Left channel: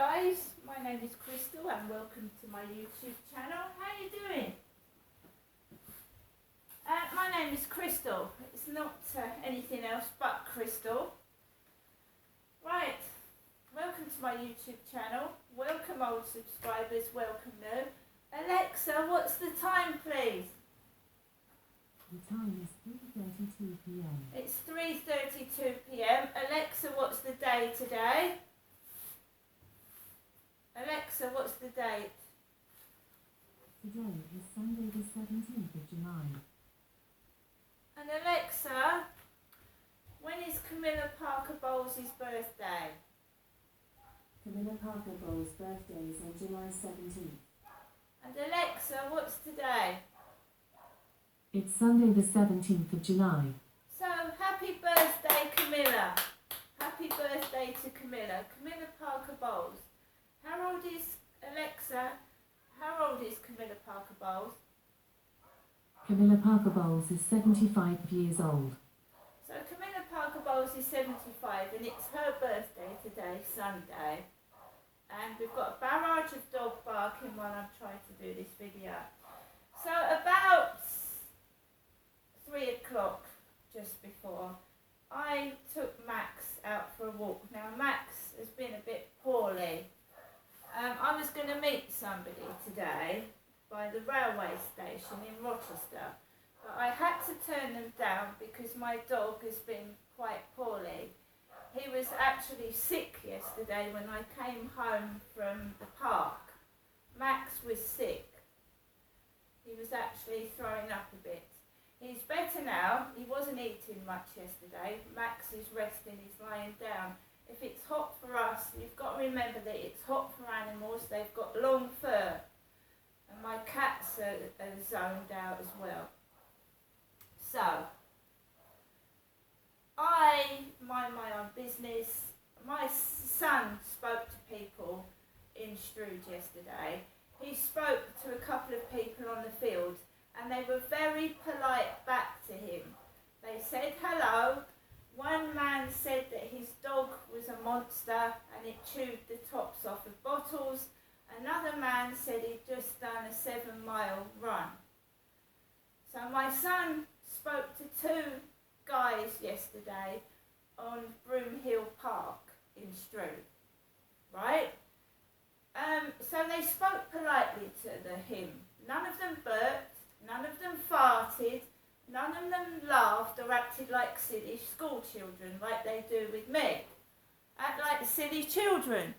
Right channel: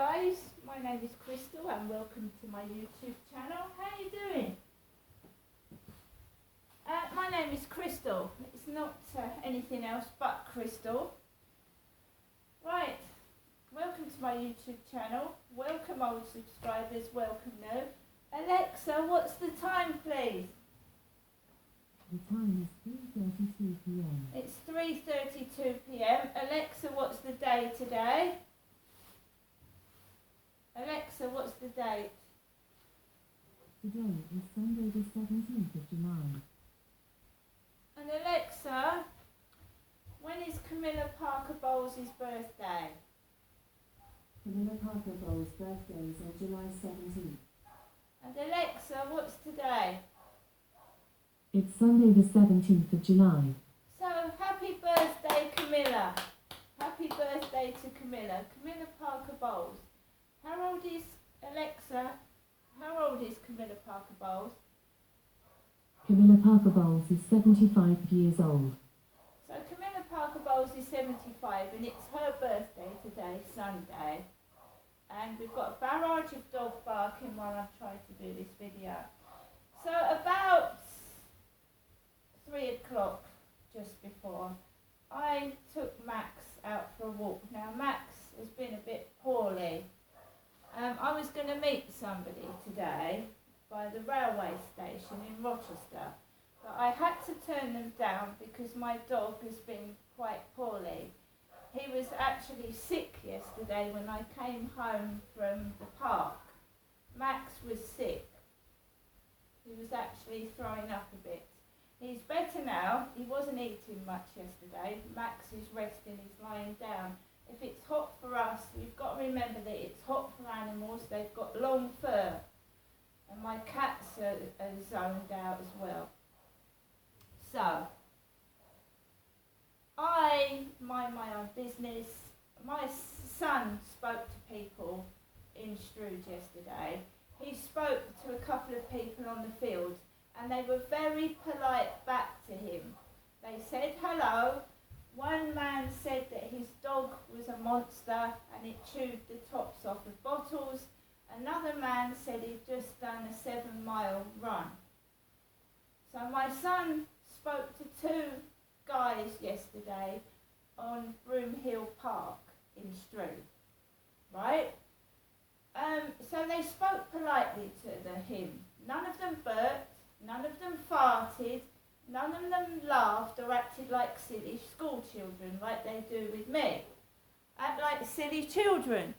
guys, my name is Crystal and welcome to my YouTube channel. How are you doing? My name is Crystal. It's not anything else but Crystal. Right, welcome to my YouTube channel. Welcome old subscribers, welcome new. Alexa, what's the time please? The time is 3:32 p.m. It's 3:32 p.m. Alexa, what's the day today? Alexa, what's the date? Today is Sunday the 17th of July. And Alexa, when is Camilla Parker Bowles' birthday? Camilla Parker Bowles' birthday is on July 17th. And Alexa, what's today? It's Sunday the 17th of July. So, happy birthday, Camilla. Happy birthday to Camilla. Camilla Parker Bowles. How old is Alexa? How old is Camilla Parker Bowles? Camilla Parker Bowles is 75 years old. So Camilla Parker Bowles is 75 and it's her birthday today, Sunday. And we've got a barrage of dog barking while I'm trying to do this video. So about 3 o'clock, just before, I took Max out for a walk. Now Max has been a bit poorly. I was going to meet somebody today by the railway station in Rochester, but I had to turn them down because my dog has been quite poorly. He was actually sick yesterday when I came home from the park. Max was sick. He was actually throwing up a bit. He's better now. He wasn't eating much yesterday. Max is resting, he's lying down. If it's hot for us, you've got to remember that it's hot for animals. They've got long fur. And my cats are zoned out as well. So, I mind my own business. My son spoke to people in Strood yesterday. He spoke to a couple of people on the field and they were very polite back to him. They said hello. One man said that his dog was a monster and it chewed the tops off of bottles. Another man said he'd just done a 7-mile run. So my son spoke to 2 guys yesterday on Broomhill Park in Strood, right? So they spoke politely to him. None of them burped, none of them farted, none of them laughed or acted like silly school children like they do with me. Act like silly children.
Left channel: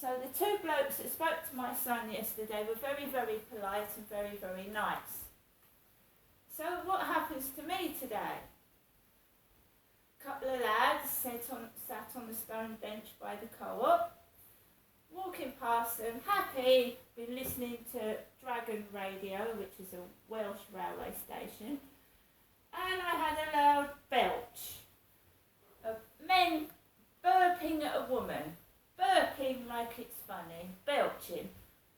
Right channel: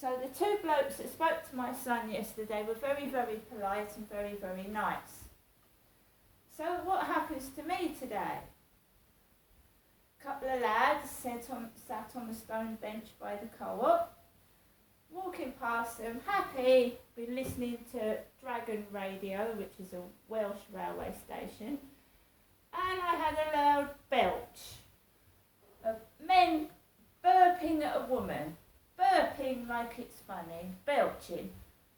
So the 2 blokes that spoke to my son yesterday were very, very polite and very, very nice. So what happens to me today? A couple of lads sat on the stone bench by the co-op. Walking past them, happy, been listening to Dragon Radio, which is a Welsh railway station, and I had a loud belch of men burping at a woman, burping like it's funny, belching,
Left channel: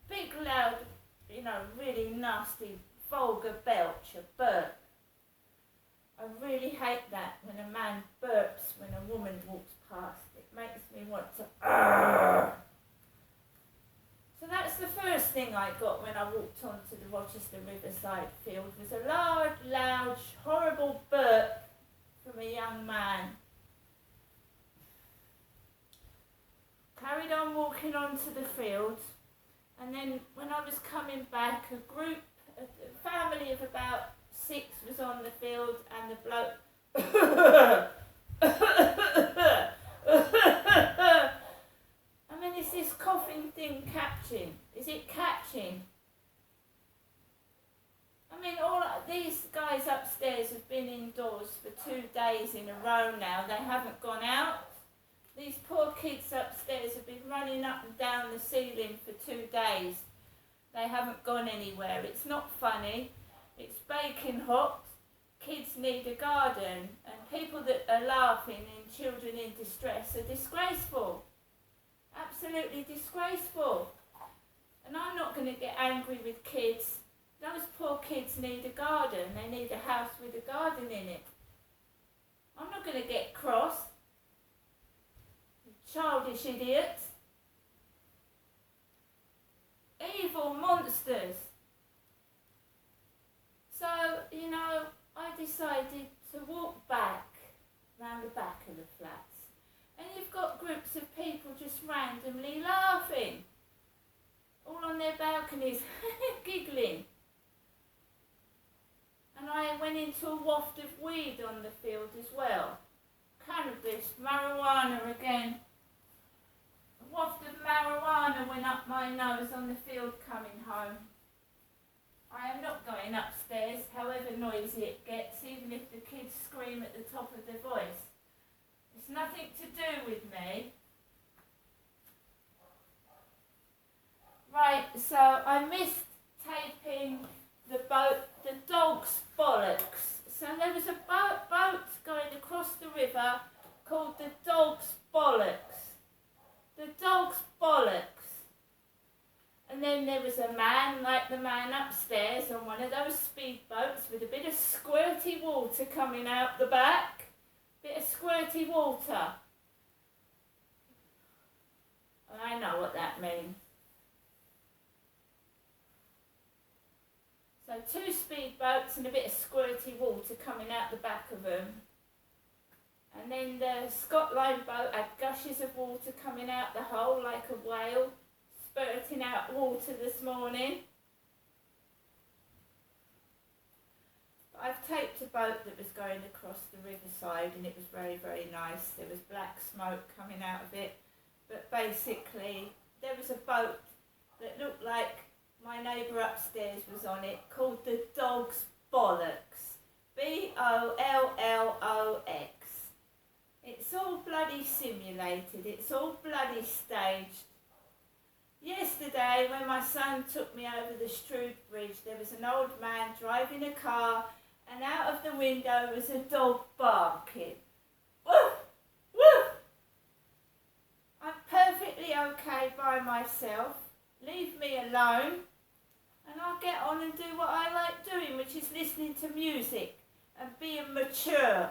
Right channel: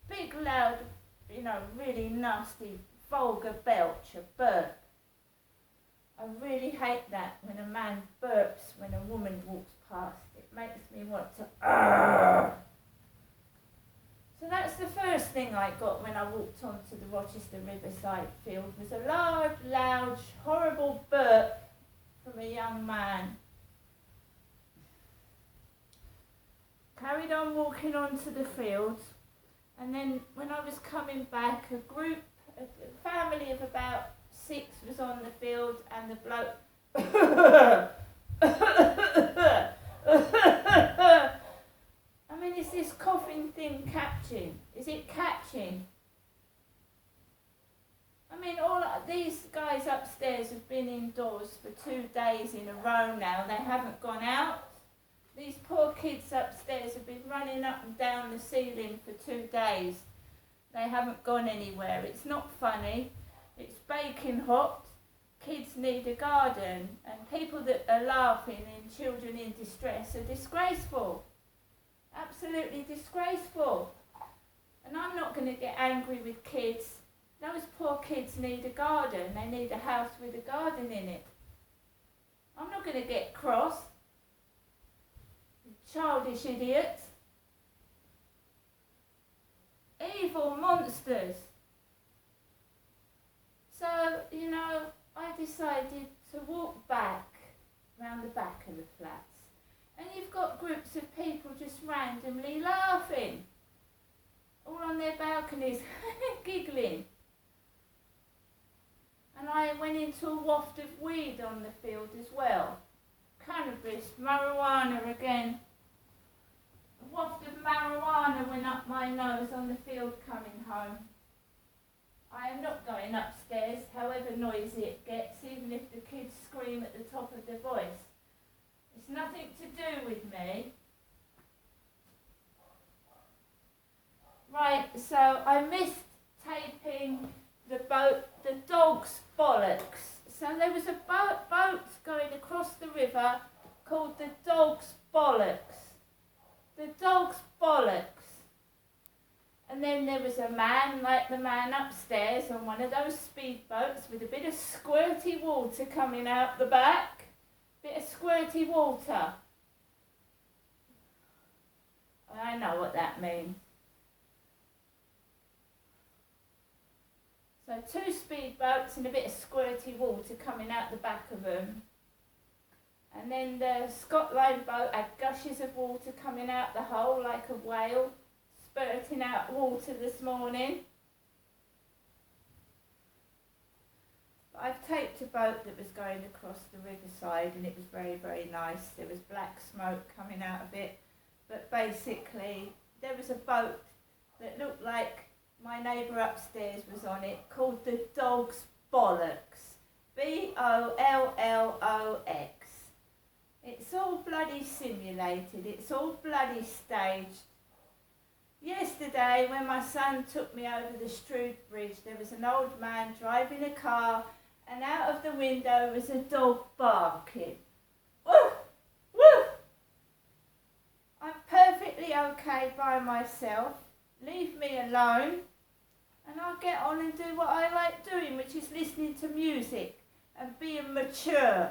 big loud, really nasty, vulgar belch, a burp. I really hate that when a man burps when a woman walks past. It makes me want to So that's the first thing I got when I walked onto the Rochester Riverside field, was a loud, horrible burp from a young man. Carried on walking onto the field, and then when I was coming back, a family of about 6 was on the field, and the bloke I mean, is this coughing thing catching? Is it catching? I mean, these guys upstairs have been indoors for 2 days in a row now. They haven't gone out. These poor kids upstairs have been running up and down the ceiling for 2 days. They haven't gone anywhere. It's not funny. It's baking hot. Kids need a garden. And people that are laughing and children in distress are disgraceful. Absolutely disgraceful. And I'm not going to get angry with kids. Those poor kids need a garden. They need a house with a garden in it. I'm not going to get cross. Childish idiots. Evil monsters. So, you know, I decided to walk back, round the back of the flats. And you've got groups of people just randomly laughing. All on their balconies, giggling. And I went into a waft of weed on the field as well. Cannabis, marijuana again. A waft of marijuana went up my nose on the field coming home. I am not going upstairs, however noisy it gets, even if the kids scream at the top of their voice. It's nothing to do with me. Right, so I missed taping the dog's bollocks. So there was a boat going across the river called the Dog's Bollocks. The Dog's Bollocks. And then there was a man, like the man upstairs, on one of those speedboats with a bit of squirty water coming out the back. Bit of squirty water. I know what that means. So 2 speedboats and a bit of squirty water coming out the back of them. And then the Scott Line boat had gushes of water coming out the hole like a whale, spurting out water this morning. But I've taped a boat that was going across the riverside and it was very, very nice. There was black smoke coming out of it. But basically, there was a boat that looked like my neighbour upstairs was on it, called the Dog's Bollocks. Bolloox. It's all bloody simulated. It's all bloody staged. Yesterday, when my son took me over the Strood Bridge, there was an old man driving a car, and out of the window was a dog barking. Woof! Woof! I'm perfectly okay by myself. Leave me alone. And I'll get on and do what I like doing, which is listening to music and being mature.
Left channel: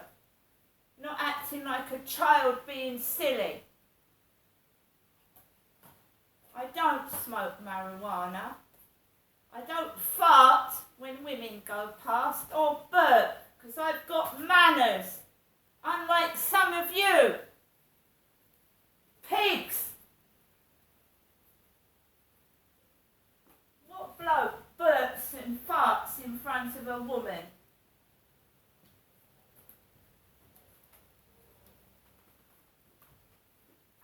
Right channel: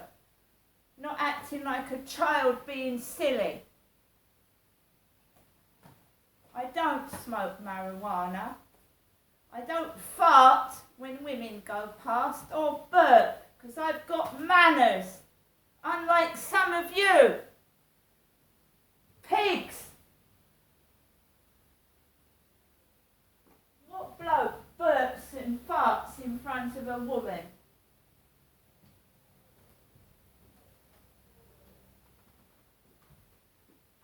Not acting like a child being silly. I don't smoke marijuana. I don't fart when women go past or burp, because I've got manners. Unlike some of you. Pigs. What bloke burps and farts in front of a woman?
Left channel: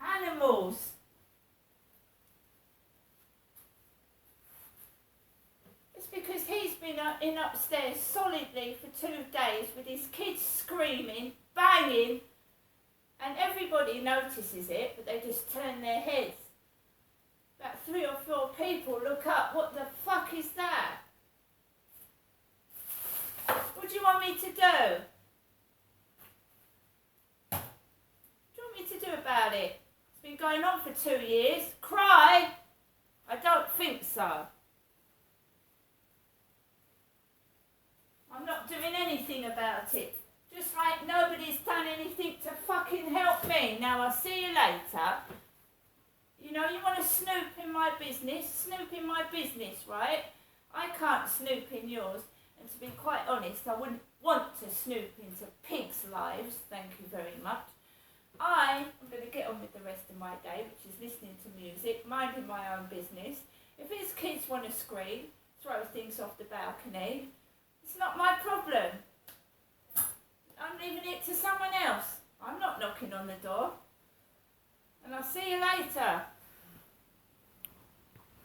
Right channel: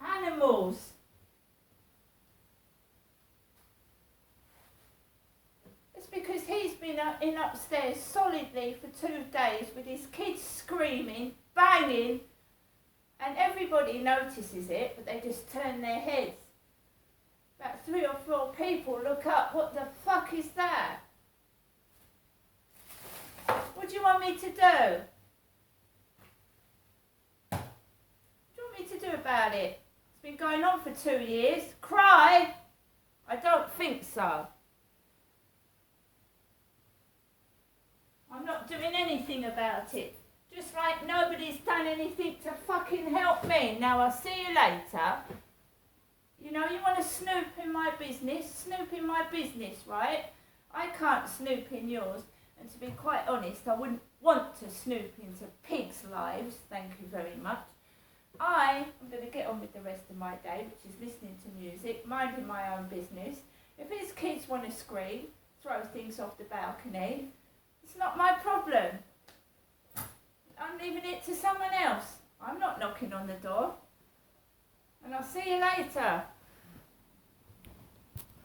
Animals. It's because he's been in upstairs solidly for 2 days with his kids screaming, banging, and everybody notices it, but they just turn their heads. About 3 or 4 people look up. What the fuck is that? What do you want me to do? What do you want me to do about it? It's been going on for 2 years. Cry? I don't think so. I'm not doing anything about it. Just like nobody's done anything to fucking help me. Now I'll see you later. You know, you want to snoop in my business? Snoop in my business, right? I can't snoop in yours. And to be quite honest, I wouldn't want to snoop into pigs' lives. Thank you very much. I am going to get on with the rest of my day, which is listening to music, minding my own business. If his kids want to scream, throw things off the balcony, it's not my problem. I'm leaving it to someone else. I'm not knocking on the door. And I'll see you later.